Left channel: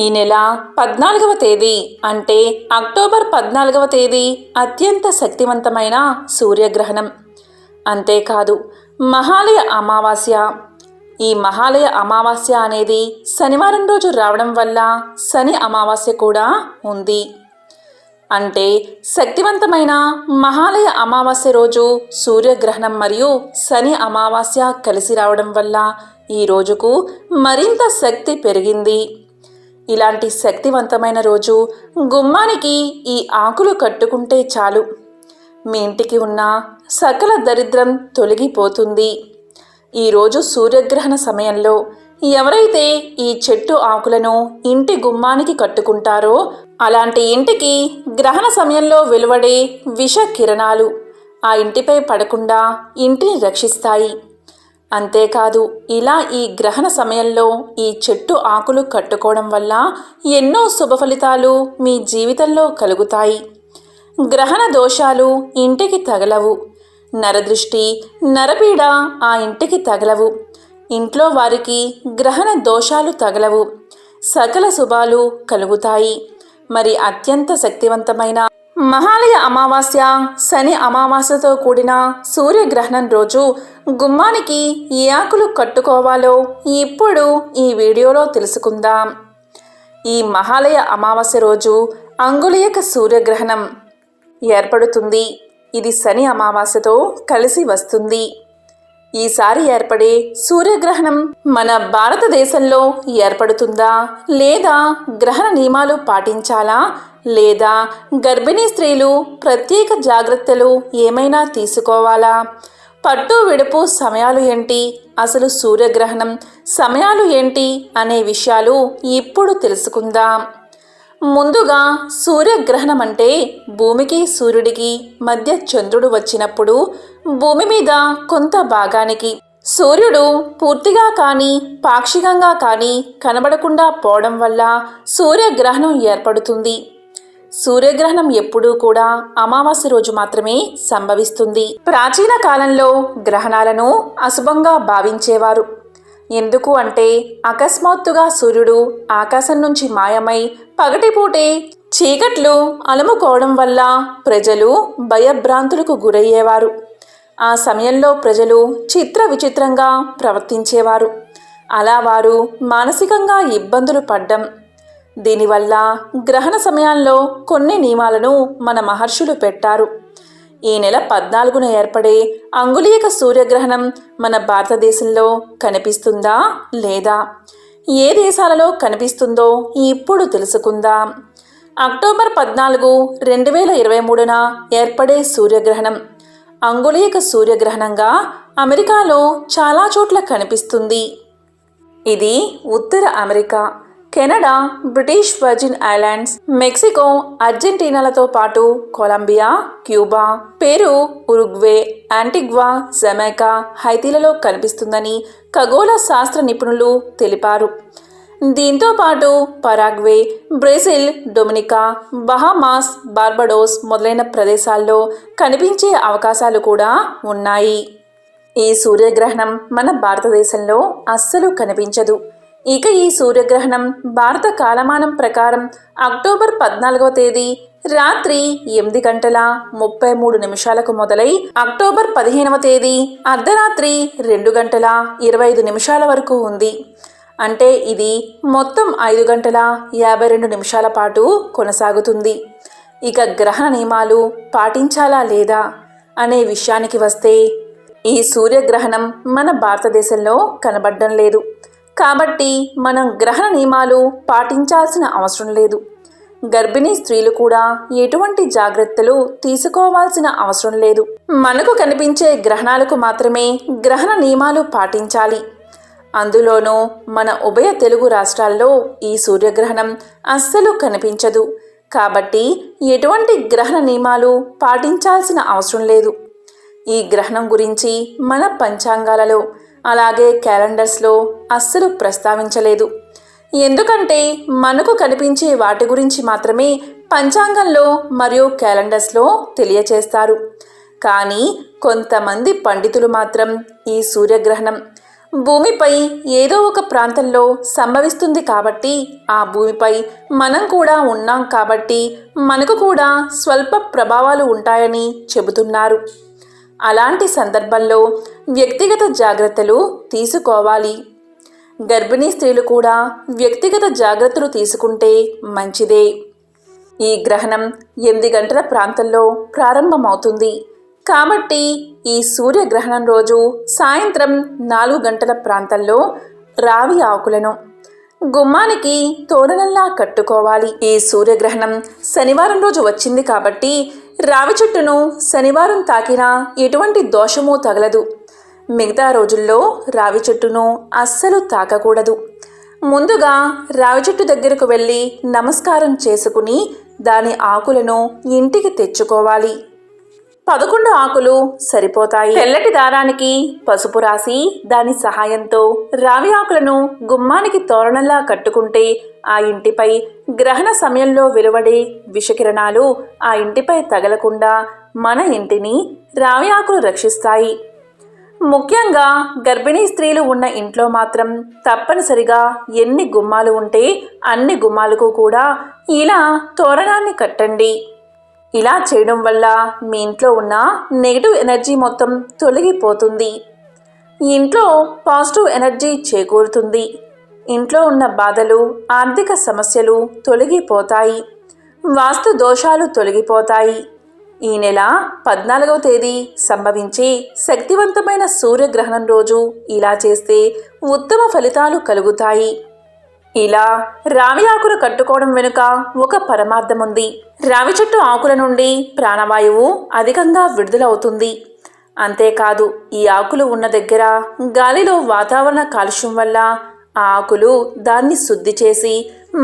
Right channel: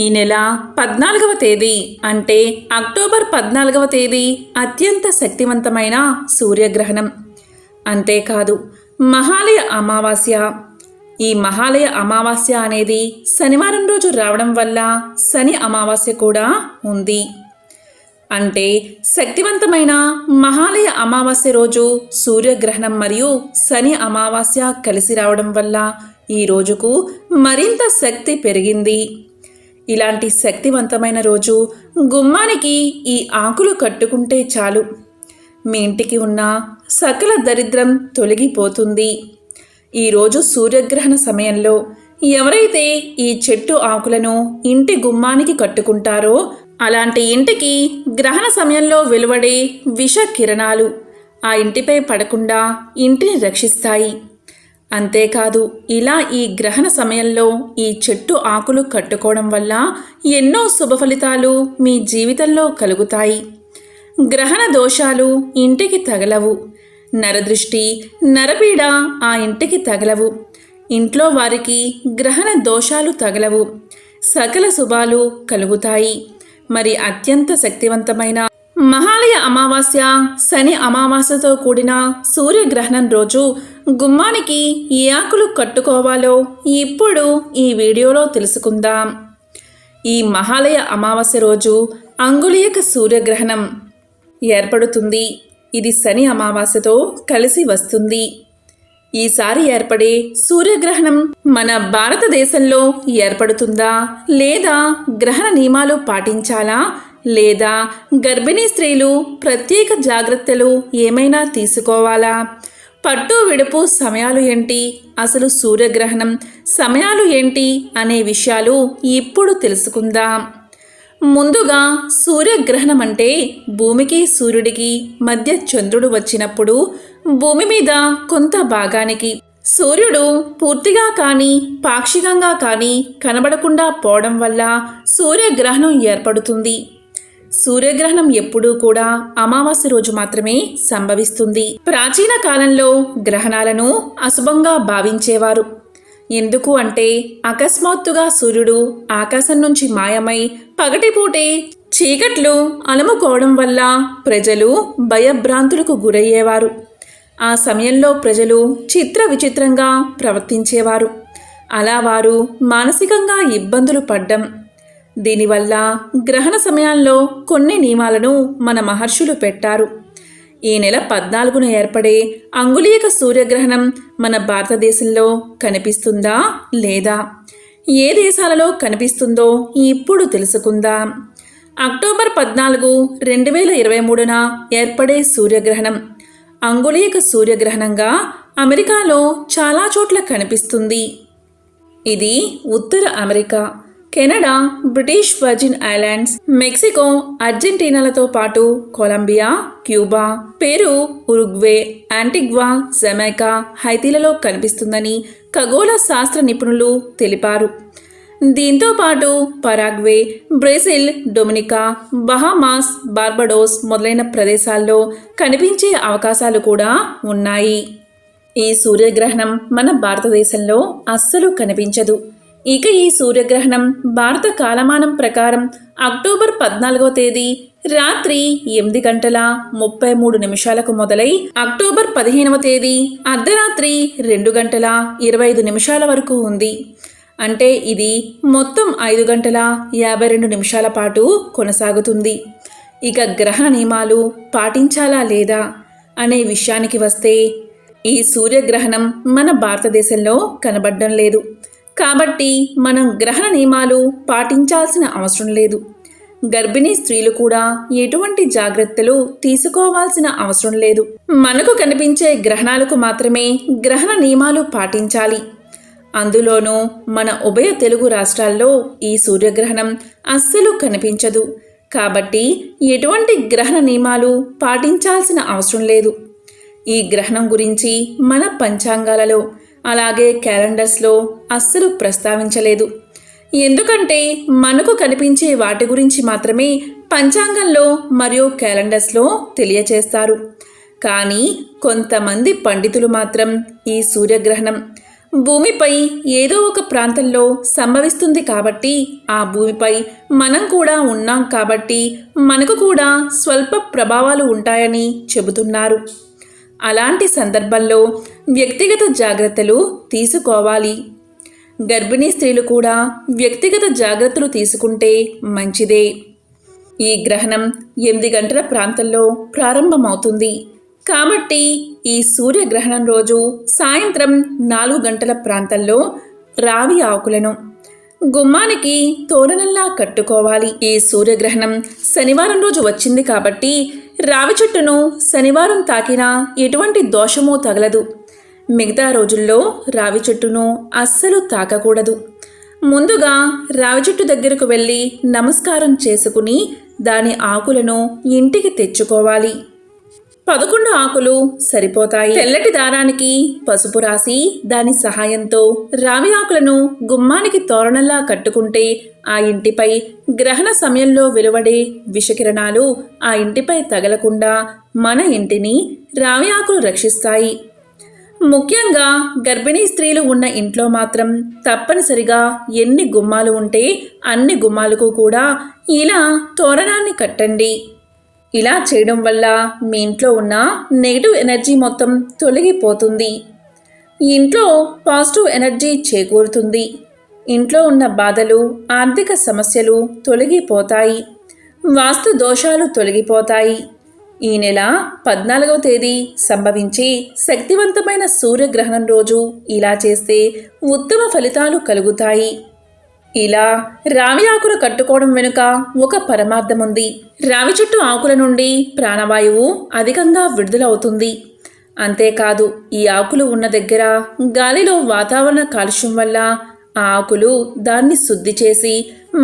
ఈ నెల 14వ తేదీ అంటే అక్టోబర్ 14వ తేదీ అత్యంత శక్తివంతమైన సూర్యగ్రహణం. అంతేకాదు మహాలయ అమావాస్య. ఈ మహాలయ అమావాస్య అనేది శనివారం రోజు రావడం వల్ల శని అమావాస్య కూడా ఉంది. అంటే శక్తివంతమైన మహాలయ అమావాస్య రోజు సూర్యగ్రహణం మరియు శని అమావాస్య కలిసి రావడం వల్ల ఈ రోజుకు మరింత శక్తి పెరిగింది. ఇలాంటి శక్తివంతమైన రోజు గుమ్మానికి ఈ ఆకులు కట్టుకుంటే చాలు, మీ ఇంటికి ఉన్న సకల దరిద్రం తొలగిపోతుంది. ఈరోజు సూర్యగ్రహణ సమయంలో ఎవరైతే ఈ చెట్టు ఆకులను ఇంటి గుమ్మానికి కట్టుకుంటారో అలాంటి ఇంటికి గ్రహణ సమయంలో వెలువడే విష కిరణాలు ఆ ఇంటిపై పడకుండా ఇంటిని రక్షిస్తాయి. అంతేకాదు ఇలా ఈ గ్రహణ సమయంలో ఈ చెట్టు ఆకులు కట్టుకోవడం వల్ల ఎన్నో శుభ ఫలితాలు మీ జీవితంలో కలుగుతాయి. గ్రహణ దోషాలు ఇంటికి తగలవు, నరదృష్టి నరపీడ ఆ ఇంటికి తగలవు, ఇంట్లో వారికి గ్రహణ దోషాలు తగలవు, సకల శుభాలు కలుగుతాయి. మరి అత్యంత శక్తివంతమైన మహాలయ అమావాస్య శని అమావాస్యతో కూడిన సూర్యగ్రహణం రోజు గుమ్మానికి ఏ ఆకులు కట్టుకోవాలో ఇప్పుడు ఈ వీడియోలో తెలుసుకుందాం. ఈ మహాలయ అమావాస్య రోజు అంగుళీయక సూర్యగ్రహణం ఏర్పడుతుంది. ఇది శని అమావాస్యతో కలిసి వస్తుంది. ఈసారి ఏర్పడే సూర్యగ్రహణం మన భారతదేశంలో ఏర్పడుతుందా లేదా గ్రహణ నియమాలు పాటించాలా లేదా గర్భిణీ స్త్రీలు ప్రత్యేక జాగ్రత్తలు ఏమైనా తీసుకోవాలా, పట్టు విడుపు సమయాలు ఏంటి, అసలు సూర్యగ్రహణం సమయాలు ఏంటి అనే విషయాలు ఇప్పుడు తెలుసుకుందాం. ముందుగా సూర్యగ్రహణం అంటే భూమికి సూర్యుడికి మధ్య చంద్రుడు వచ్చినప్పుడు భూమి మీద కొంత భాగానికి సూర్యుడు పూర్తిగా కానీ పాక్షికంగా కానీ కనబడకుండా పోవడం వల్ల సూర్యగ్రహణం ఏర్పడుతుంది. సూర్యగ్రహణం ఎప్పుడూ కూడా అమావాస్య రోజు మాత్రమే సంభవిస్తుంది. ప్రాచీన కాలంలో గ్రహణాలను అశుభంగా భావించేవారు. ఎందుకు అంటే అకస్మాత్తుగా సూర్యుడు ఆకాశం నుంచి మాయమై పగటిపూటే చీకట్లు అలుముకోవడం వల్ల ప్రజలు భయభ్రాంతులకు గురయ్యేవారు. ఆ సమయంలో ప్రజలు చిత్ర విచిత్రంగా ప్రవర్తించేవారు. అలా వారు మానసికంగా ఇబ్బందులు పడ్డం. దీనివల్ల గ్రహణ సమయాల్లో కొన్ని నియమాలను మన మహర్షులు పెట్టారు. ఈ నెల 14న ఏర్పడే అంగుళీయక సూర్యగ్రహణం మన భారతదేశంలో కనిపిస్తుందా లేదా, ఏ దేశాలలో కనిపిస్తుందో ఇప్పుడు తెలుసుకుందాం. అక్టోబర్ 14, 2023న ఏర్పడే సూర్యగ్రహణం అంగుళీయక సూర్యగ్రహణంగా అమెరికాలో చాలా చోట్ల కనిపిస్తుంది. ఇది ఉత్తర America, Canada, British Virgin Islands, Mexico, అర్జెంటీనాలతో పాటు Colombia, Cuba, Peru, Uruguay, Antigua, Jamaica, హైతీలలో కనిపిస్తుందని ఖగోళ శాస్త్ర నిపుణులు తెలిపారు. దీంతో పాటు Paraguay, Brazil, Dominica, Bahamas, Barbados మొదలైన ప్రదేశాల్లో కనిపించే అవకాశాలు కూడా ఉన్నాయి. ఈ సూర్యగ్రహణం మన భారతదేశంలో అస్సలు కనిపించదు. ఇక ఈ సూర్యగ్రహణం భారత కాలమానం ప్రకారం అక్టోబర్ 14వ తేదీ రాత్రి 8:33 మొదలై అక్టోబర్ 15వ తేదీ అర్ధరాత్రి 2:25 వరకు ఉంది. అంటే ఇది మొత్తం 5:52 పాటు కొనసాగుతుంది. ఇక గ్రహణ నియమాలు పాటించాలా లేదా అనే విషయానికి వస్తే ఈ సూర్యగ్రహణం మన భారతదేశంలో కనబడడం లేదు. కాబట్టి మనం గ్రహణ నియమాలు పాటించాల్సిన అవసరం లేదు. గర్భిణీ స్త్రీలు కూడా ఎటువంటి జాగ్రత్తలు తీసుకోవాల్సిన అవసరం లేదు. మనకు కనిపించే గ్రహణాలకు మాత్రమే గ్రహణ నియమాలు పాటించాలి. అందులోనూ మన ఉభయ తెలుగు రాష్ట్రాల్లో ఈ సూర్యగ్రహణం అస్సలు కనిపించదు. కాబట్టి ఎటువంటి గ్రహణ నియమాలు పాటించాల్సిన అవసరం లేదు. ఈ గ్రహణం గురించి మన పంచాంగాలలో అలాగే క్యాలెండర్స్లో అస్సలు ప్రస్తావించలేదు. ఎందుకంటే మనకు కనిపించే వాటి గురించి మాత్రమే పంచాంగంలో మరియు క్యాలెండర్స్లో తెలియచేస్తారు. కానీ కొంతమంది పండితులు మాత్రం ఈ సూర్యగ్రహణం భూమిపై ఏదో ఒక ప్రాంతంలో సంభవిస్తుంది కాబట్టి ఆ భూమిపై మనం కూడా ఉన్నాం కాబట్టి మనకు కూడా స్వల్ప ప్రభావాలు ఉంటాయని చెబుతున్నారు. అలాంటి సందర్భంలో వ్యక్తిగత జాగ్రత్తలు తీసుకోవాలి. గర్భిణీ స్త్రీలు కూడా వ్యక్తిగత జాగ్రత్తలు తీసుకుంటే మంచిదే. ఈ గ్రహణం 8 గంటల ప్రాంతంలో ప్రారంభమవుతుంది కాబట్టి ఈ సూర్యగ్రహణం రోజు సాయంత్రం 4 గంటల ప్రాంతంలో రావి ఆకులను గుమ్మానికి తోరణంలా కట్టుకోవాలి. ఈ సూర్యగ్రహణం శనివారం రోజు వచ్చింది కాబట్టి రావి చెట్టును శనివారం తాకినా ఎటువంటి దోషమూ తగలదు. మిగతా రోజుల్లో రావి చెట్టును అస్సలు తాకకూడదు. ముందుగా రావి చెట్టు దగ్గరకు వెళ్ళి నమస్కారం చేసుకుని దాని ఆకులను ఇంటికి తెచ్చుకోవాలి. 11 ఆకులు సరిపోతాయి. తెల్లటి దారానికి పసుపు రాసి దాని సహాయంతో రావి ఆకులను గుమ్మానికి తోరణంలా కట్టుకుంటే ఆ ఇంటిపై గ్రహణ సమయంలో వెలువడే విషకిరణాలు ఆ ఇంటిపై తగలకుండా మన ఇంటిని రావి ఆకులు రక్షిస్తాయి. ముఖ్యంగా గర్భిణీ స్త్రీలు ఉన్న ఇంట్లో మాత్రం తప్పనిసరిగా ఎన్ని గుమ్మాలు ఉంటే అన్ని గుమ్మాలకు కూడా ఇలా తోరణాన్ని కట్టండి. ఇలా చేయడం వల్ల మీ ఇంట్లో ఉన్న నెగిటివ్ ఎనర్జీ మొత్తం తొలగిపోతుంది. ఇంట్లో పాజిటివ్ ఎనర్జీ చేకూరుతుంది. ఇంట్లో ఉన్న బాధలు, ఆర్థిక సమస్యలు తొలగిపోతాయి. వాస్తు దోషాలు తొలగిపోతాయి. ఈ నెల 14వ తేదీ సంభవించే శక్తివంతమైన సూర్యగ్రహణం రోజు ఇలా చేస్తే ఉత్తమ ఫలితాలు కలుగుతాయి. ఇలా రావి ఆకులు కట్టుకోవడం వెనుక ఒక పరమార్థం ఉంది. రావి చెట్టు ఆకుల నుండి ప్రాణవాయువు అధికంగా విడుదలవుతుంది. అంతేకాదు ఈ ఆకులు ఉన్న దగ్గర గాలిలో వాతావరణ కాలుష్యం వల్ల ఆ ఆకులు దాన్ని శుద్ధి చేసి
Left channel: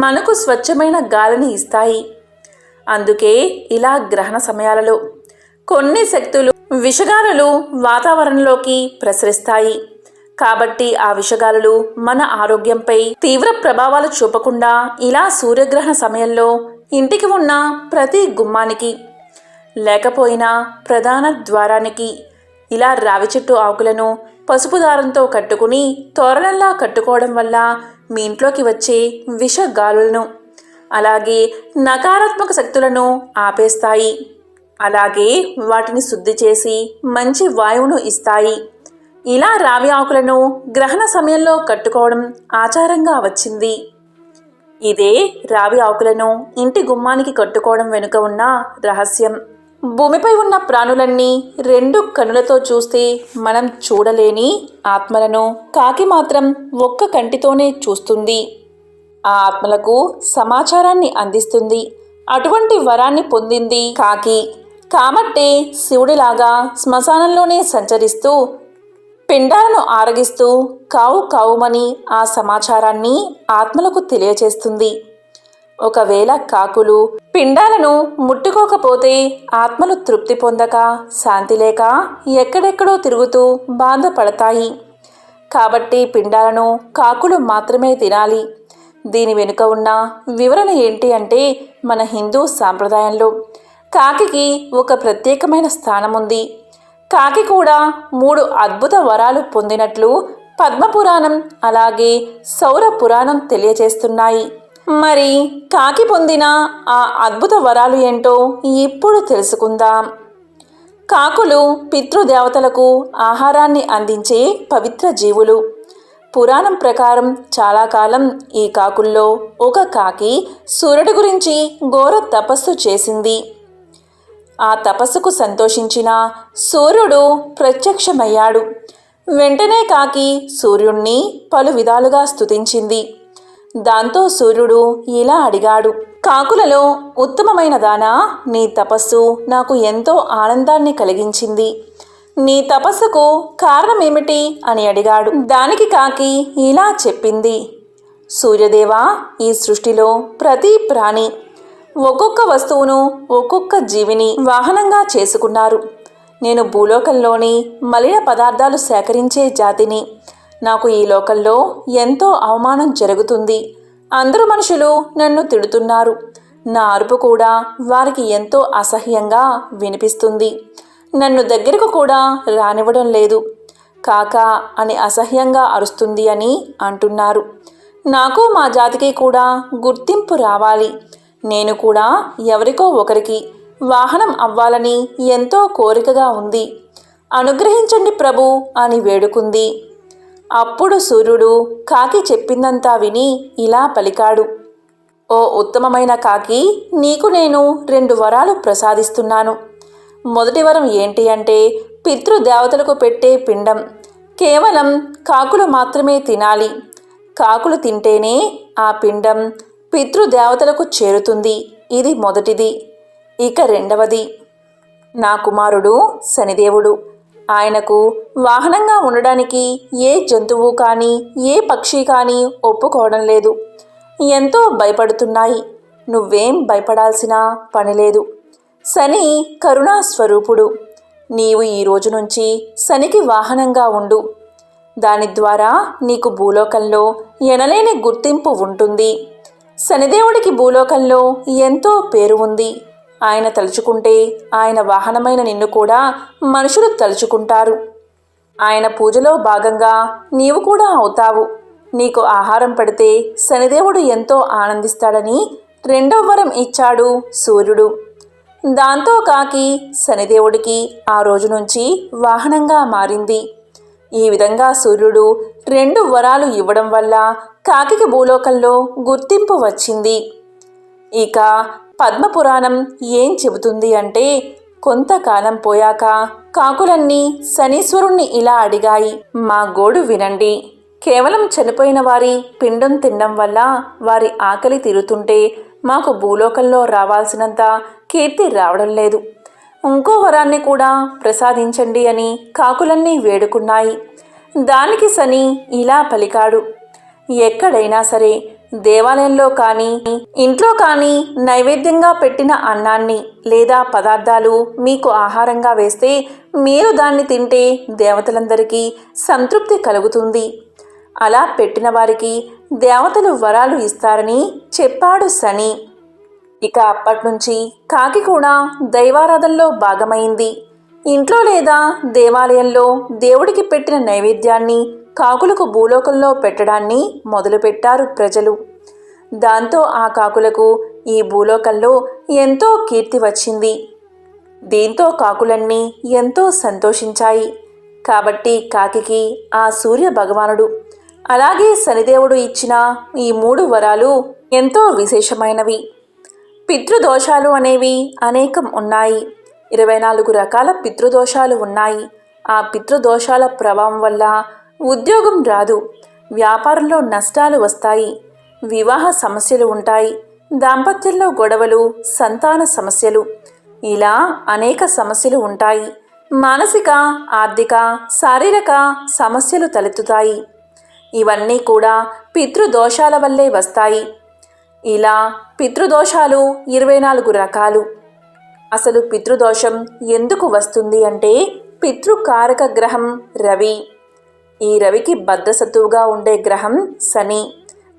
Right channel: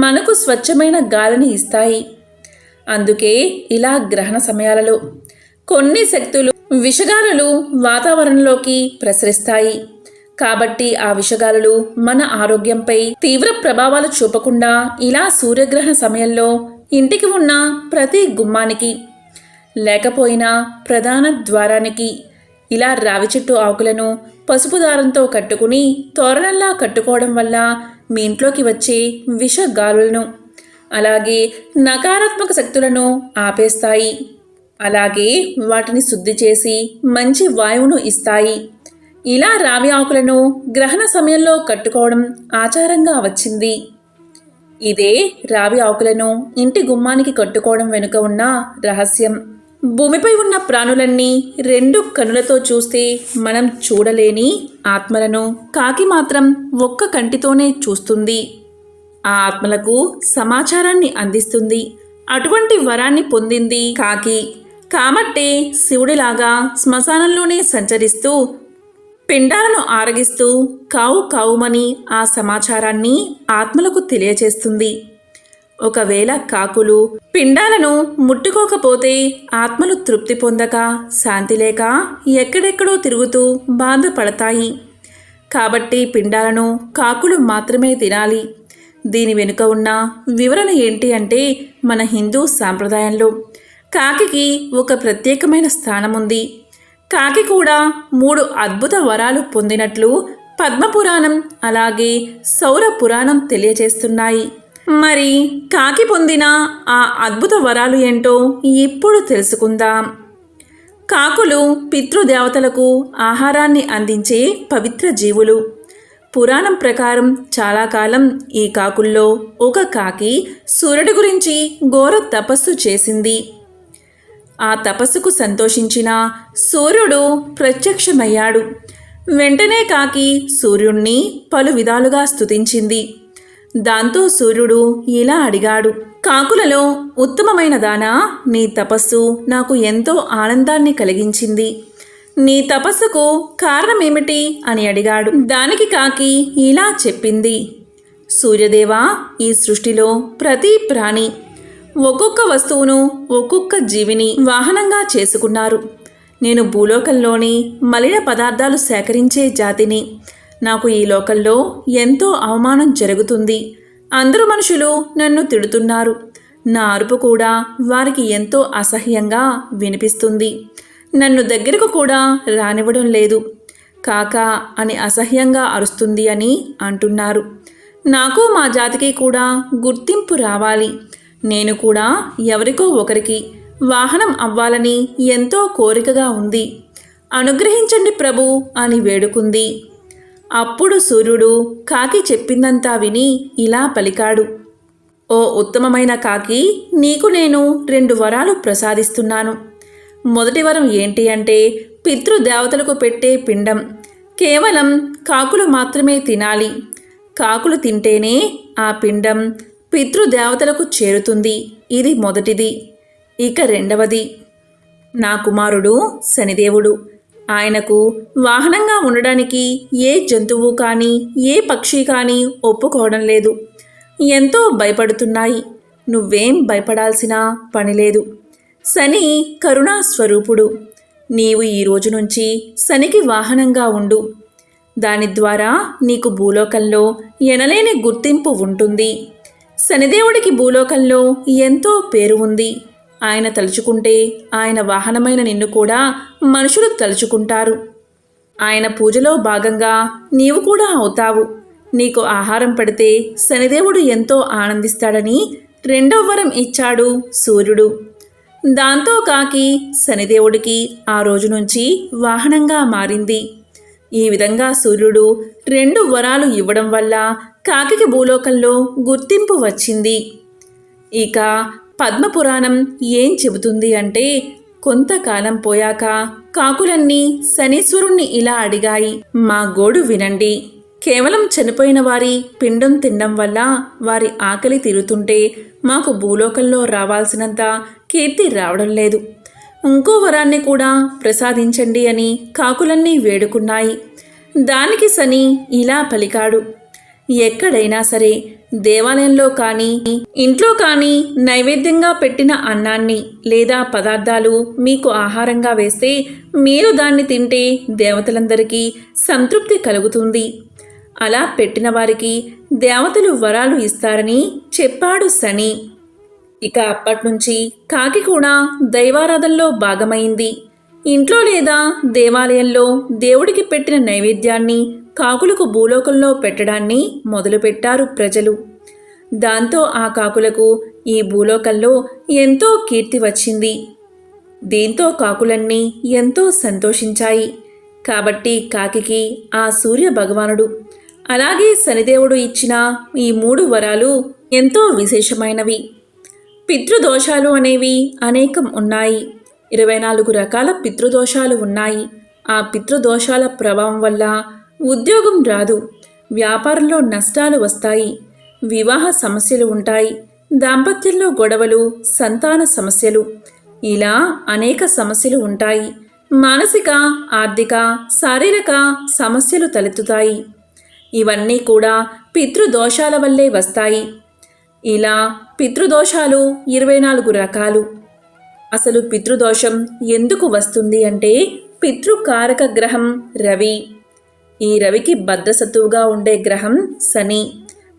మనకు స్వచ్ఛమైన గాలిని ఇస్తాయి. అందుకే ఇలా గ్రహణ సమయాలలో కొన్ని శక్తులు విషగాలులు వాతావరణంలోకి ప్రసరిస్తాయి. కాబట్టి ఆ విషగాలులు మన ఆరోగ్యంపై తీవ్ర ప్రభావాలు చూపకుండా ఇలా సూర్యగ్రహణ సమయంలో ఇంటికి ఉన్న ప్రతి గుమ్మానికి లేకపోయినా ప్రధాన ద్వారానికి ఇలా రావి చెట్టు ఆకులను పసుపు దారంతో కట్టుకుని తోరణంలా కట్టుకోవడం వల్ల మీ ఇంట్లోకి వచ్చే విషగాలులను అలాగే నకారాత్మక శక్తులను ఆపేస్తాయి. అలాగే వాటిని శుద్ధి చేసి మంచి వాయువును ఇస్తాయి. ఇలా రావి ఆకులను గ్రహణ సమయంలో కట్టుకోవడం ఆచారంగా వచ్చింది. ఇదే రావి ఆకులను ఇంటి గుమ్మానికి కట్టుకోవడం వెనుక ఉన్న రహస్యం. భూమిపై ఉన్న ప్రాణులన్నీ 2 కన్నులతో చూస్తే మనం చూడలేని ఆత్మలను కాకి మాత్రం ఒక్క కంటితోనే చూస్తుంది. ఆ ఆత్మలకు సమాచారాన్ని అందిస్తుంది. అటువంటి వరాన్ని పొందింది కాకి. కాబట్టే శివుడిలాగా శ్మశానంలోనే సంచరిస్తూ పిండాలను ఆరగిస్తూ కావు కావుమని ఆ సమాచారాన్ని ఆత్మలకు తెలియచేస్తుంది. ఒకవేళ కాకులు పిండాలను ముట్టుకోకపోతే ఆత్మలు తృప్తి పొందక శాంతి లేక ఎక్కడెక్కడో తిరుగుతూ బాధపడతాయి. కాబట్టి పిండాలను కాకులు మాత్రమే తినాలి. దీని వెనుక ఉన్న వివరణ ఏంటి అంటే మన హిందూ సాంప్రదాయంలో కాకికి ఒక ప్రత్యేకమైన స్థానం ఉంది. కాకి కూడా 3 అద్భుత వరాలు పొందినట్లు పద్మపురాణం అలాగే సౌర పురాణం తెలియజేస్తున్నాయి. మరి కాకి పొందిన ఆ అద్భుత వరాలు ఏంటో ఇప్పుడు తెలుసుకుందాం. కాకులు పితృదేవతలకు ఆహారాన్ని అందించే పవిత్ర జీవులు. పురాణం ప్రకారం చాలా కాలం ఈ కాకుల్లో ఒక కాకి సూర్యుడి గురించి ఘోర తపస్సు చేసింది. ఆ తపస్సుకు సంతోషించిన సూర్యుడు ప్రత్యక్షమయ్యాడు. వెంటనే కాకి సూర్యుణ్ణి పలు విధాలుగా స్తుతించింది. దాంతో సూర్యుడు ఇలా అడిగాడు, కాకులలో ఉత్తమమైన దానా, నీ తపస్సు నాకు ఎంతో ఆనందాన్ని కలిగించింది. నీ తపస్సుకు కారణమేమిటి అని అడిగాడు. దానికి కాకి ఇలా చెప్పింది, సూర్యదేవా, ఈ సృష్టిలో ప్రతి ప్రాణి ఒక్కొక్క వస్తువును ఒక్కొక్క జీవిని వాహనంగా చేసుకున్నారు. నేను భూలోకంలోని మలిన పదార్థాలు సేకరించే జాతిని. నాకు ఈ లోకంలో ఎంతో అవమానం జరుగుతుంది. అందరూ మనుషులు నన్ను తిడుతున్నారు. నా అరుపు కూడా వారికి ఎంతో అసహ్యంగా వినిపిస్తుంది. నన్ను దగ్గరకు కూడా రానివ్వడం లేదు. కాకా అని అసహ్యంగా అరుస్తుంది అని అంటున్నారు. నాకు మా జాతికి కూడా గుర్తింపు రావాలి. నేను కూడా ఎవరికో ఒకరికి వాహనం అవ్వాలని ఎంతో కోరికగా ఉంది. అనుగ్రహించండి ప్రభు అని వేడుకుంది. అప్పుడు సూర్యుడు కాకి చెప్పిందంతా విని ఇలా పలికాడు. ఓ ఉత్తమమైన కాకి, నీకు నేను 2 వరాలు ప్రసాదిస్తున్నాను. మొదటి వరం ఏంటి అంటే పితృదేవతలకు పెట్టే పిండం కేవలం కాకులు మాత్రమే తినాలి. కాకులు తింటేనే ఆ పిండం పితృదేవతలకు చేరుతుంది. ఇది మొదటిది. ఇక రెండవది, నా కుమారుడు శనిదేవుడు. ఆయనకు వాహనంగా ఉండడానికి ఏ జంతువు కానీ ఏ పక్షి కానీ ఒప్పుకోవడం లేదు. ఎంతో భయపడుతున్నాయి. నువ్వేం భయపడాల్సిన పని లేదు. శని కరుణా స్వరూపుడు. నీవు ఈ రోజు నుంచి శనికి వాహనంగా ఉండు. దాని ద్వారా నీకు భూలోకంలో ఎనలేని గుర్తింపు ఉంటుంది. శనిదేవుడికి భూలోకంలో ఎంతో పేరు ఉంది. ఆయన తలుచుకుంటే ఆయన వాహనమైన నిన్ను కూడా మనుషులు తలుచుకుంటారు. ఆయన పూజలో భాగంగా నీవు కూడా అవుతావు. నీకు ఆహారం పడితే శనిదేవుడు ఎంతో ఆనందిస్తాడని 2వ వరం ఇచ్చాడు సూర్యుడు. దాంతో కాకి శనిదేవుడికి ఆ రోజు నుంచి వాహనంగా మారింది. ఈ విధంగా సూర్యుడు 2 వరాలు ఇవ్వడం వల్ల కాకికి భూలోకంలో గుర్తింపు వచ్చింది. ఇక పద్మపురాణం ఏం చెబుతుంది అంటే, కొంతకాలం పోయాక కాకులన్నీ శనీశ్వరుణ్ణి ఇలా అడిగాయి. మా గోడు వినండి. కేవలం చనిపోయిన వారి పిండం తినడం వల్ల వారి ఆకలి తీరుతుంటే మాకు భూలోకంలో రావాల్సినంత కీర్తి రావడం లేదు. ఇంకో వరాన్ని కూడా ప్రసాదించండి అని కాకులన్నీ వేడుకున్నాయి. దానికి శని ఇలా పలికాడు. ఎక్కడైనా సరే, దేవాలయంలో కానీ ఇంట్లో కానీ నైవేద్యంగా పెట్టిన అన్నాన్ని లేదా పదార్థాలు మీకు ఆహారంగా వేస్తే మీరు దాన్ని తింటే దేవతలందరికీ సంతృప్తి కలుగుతుంది. అలా పెట్టిన వారికి దేవతలు వరాలు ఇస్తారని చెప్పాడు శని. ఇక అప్పట్నుంచి కాకి కూడా దైవారాధనలో భాగమైంది. ఇంట్లో లేదా దేవాలయంలో దేవుడికి పెట్టిన నైవేద్యాన్ని కాకులకు భూలోకంలో పెట్టడాన్ని మొదలుపెట్టారు ప్రజలు. దాంతో ఆ కాకులకు ఈ భూలోకంలో ఎంతో కీర్తి వచ్చింది. దీంతో కాకులన్నీ ఎంతో సంతోషించాయి. కాబట్టి కాకికి ఆ సూర్య భగవానుడు అలాగే శనిదేవుడు ఇచ్చిన ఈ 3 వరాలు ఎంతో విశేషమైనవి. పితృదోషాలు అనేవి అనేకం ఉన్నాయి. 24 రకాల పితృదోషాలు ఉన్నాయి. ఆ పితృదోషాల ప్రభావం వల్ల ఉద్యోగం రాదు, వ్యాపారంలో నష్టాలు వస్తాయి, వివాహ సమస్యలు ఉంటాయి, దాంపత్యంలో గొడవలు, సంతాన సమస్యలు, ఇలా అనేక సమస్యలు ఉంటాయి. మానసిక, ఆర్థిక, శారీరక సమస్యలు తలెత్తుతాయి. ఇవన్నీ కూడా పితృదోషాల వల్లే వస్తాయి. ఇలా పితృదోషాలు 24 రకాలు. అసలు పితృదోషం ఎందుకు వస్తుంది అంటే పితృకారక గ్రహం రవి. ఈ రవికి బద్ధసత్తువుగా ఉండే గ్రహం శని.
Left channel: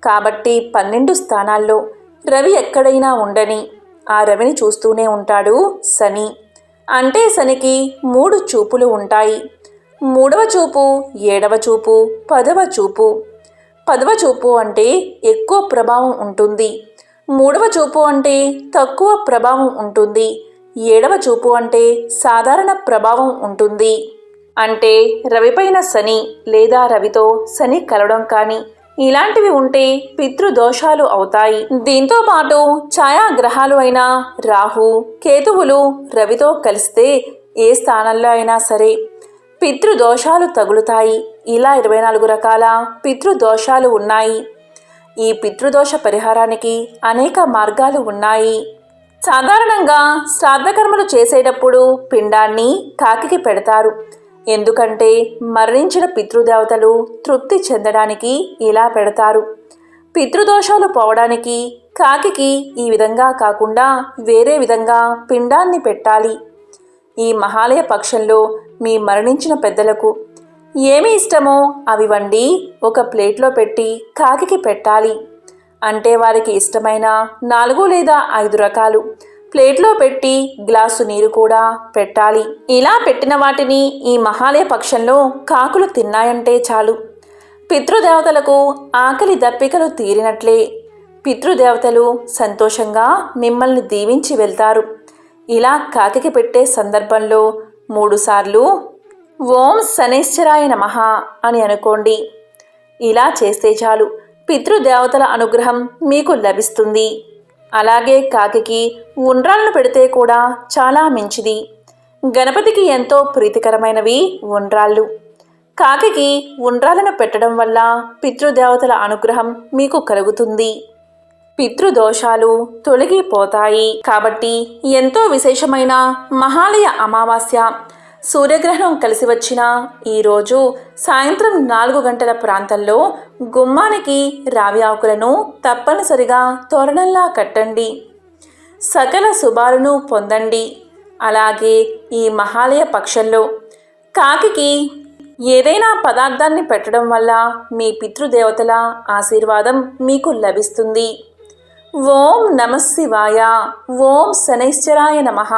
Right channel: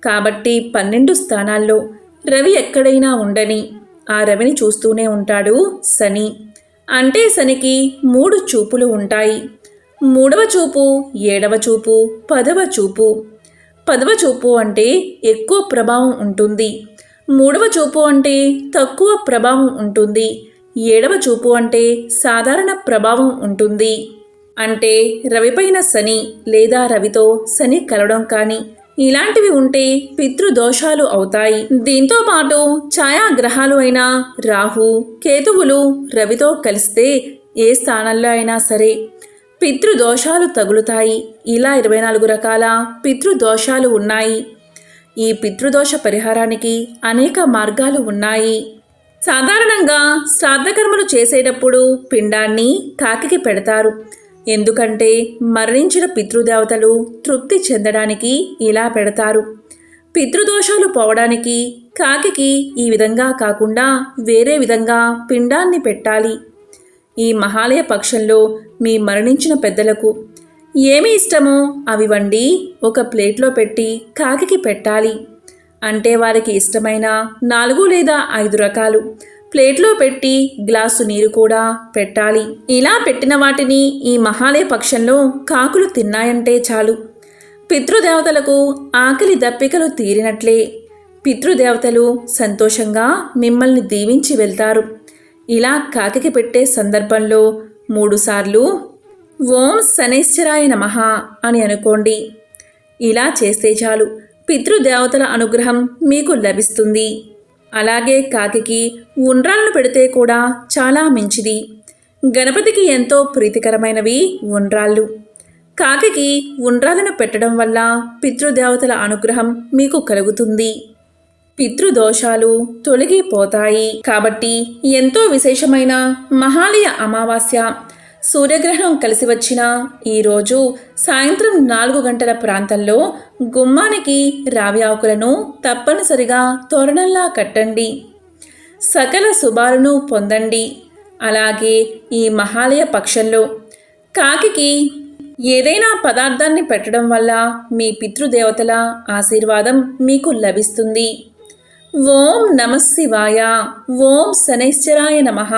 కాబట్టి 12 స్థానాల్లో రవి ఎక్కడైనా ఉండని ఆ రవిని చూస్తూనే ఉంటాడు శని. అంటే శనికి 3 చూపులు ఉంటాయి. 3వ చూపు, 7వ చూపు, 10వ చూపు. 10వ చూపు అంటే ఎక్కువ ప్రభావం ఉంటుంది. 3వ చూపు అంటే తక్కువ ప్రభావం ఉంటుంది. 7వ చూపు అంటే సాధారణ ప్రభావం ఉంటుంది. అంటే రవిపైన శని లేదా రవితో శని కలవడం కానీ ఇలాంటివి ఉంటే పితృదోషాలు అవుతాయి. దీంతో పాటు ఛాయాగ్రహాలు అయిన రాహు, కేతువులు రవితో కలిస్తే ఏ స్థానంలో అయినా సరే పితృదోషాలు తగులుతాయి. ఇలా 24 రకాల పితృదోషాలు ఉన్నాయి. ఈ పితృదోష పరిహారానికి అనేక మార్గాలు ఉన్నాయి. సాధారణంగా శ్రాద్ధకర్మలు చేసేటప్పుడు పిండాన్ని కాకికి పెడతారు. ఎందుకంటే మరణించిన పితృదేవతలు తృప్తి చెందడానికి ఇలా పెడతారు. పితృదోషాలు పోవడానికి కాకికి ఈ విధంగా కాకుండా వేరే విధంగా పిండాన్ని పెట్టాలి. ఈ మహాలయ పక్షంలో మీ మరణించిన పెద్దలకు ఏమి ఇష్టమో అవి వండి ఒక ప్లేట్లో పెట్టి కాకికి పెట్టాలి. అంటే వారికి ఇష్టమైన 4 లేదా 5 రకాలు ప్లేట్లో పెట్టి గ్లాసు నీరు కూడా పెట్టాలి. ఇలా పెట్టిన వాటిని ఈ మహాలయ పక్షంలో కాకులు తిన్నాయంటే చాలు, పితృదేవతలకు ఆకలి దప్పికలు తీరినట్లే. పితృదేవతలు సంతోషంగా మిమ్మల్ని దీవించి వెళ్తారు. ఇలా కాకికి పెట్టే సందర్భంలో 3 సార్లు ఓం శనైశ్చరాయ నమః అని అనుకోండి. ఇలా చేస్తే చాలు, పితృదేవతల అనుగ్రహం మీకు లభిస్తుంది. అలాగే కాకికి ఉండ్రాలను పెడితే కూడా చాలా మంచిది. గణపతికి ఎంతో ప్రీతికరమైనవి ఉండ్రాళ్ళు. కాకికి ఉండ్రాలను పెట్టడం వల్ల పితృదేవతల అనుగ్రహం మీకు కలుగుతుంది. పితృదోషాలు తొలగిపోతాయి. కాబట్టి ఎంతో విశేషమైన మహాలయ అమావాస్య సూర్యగ్రహణం కలిసి వచ్చిన ఈరోజు సాయంత్రం 4 గంటల ప్రాంతంలో గుమ్మానికి రావి ఆకులను తప్పనిసరిగా తోరణంలా కట్టండి. సకల శుభాలను పొందండి. అలాగే ఈ మహాలయ పక్షంలో కాకికి ఏదైనా పదార్థాన్ని పెట్టడం వల్ల మీ పితృదేవతల ఆశీర్వాదం మీకు లభిస్తుంది. ఓం నమః శివాయ. ఓం శనైశ్చరాయ నమః.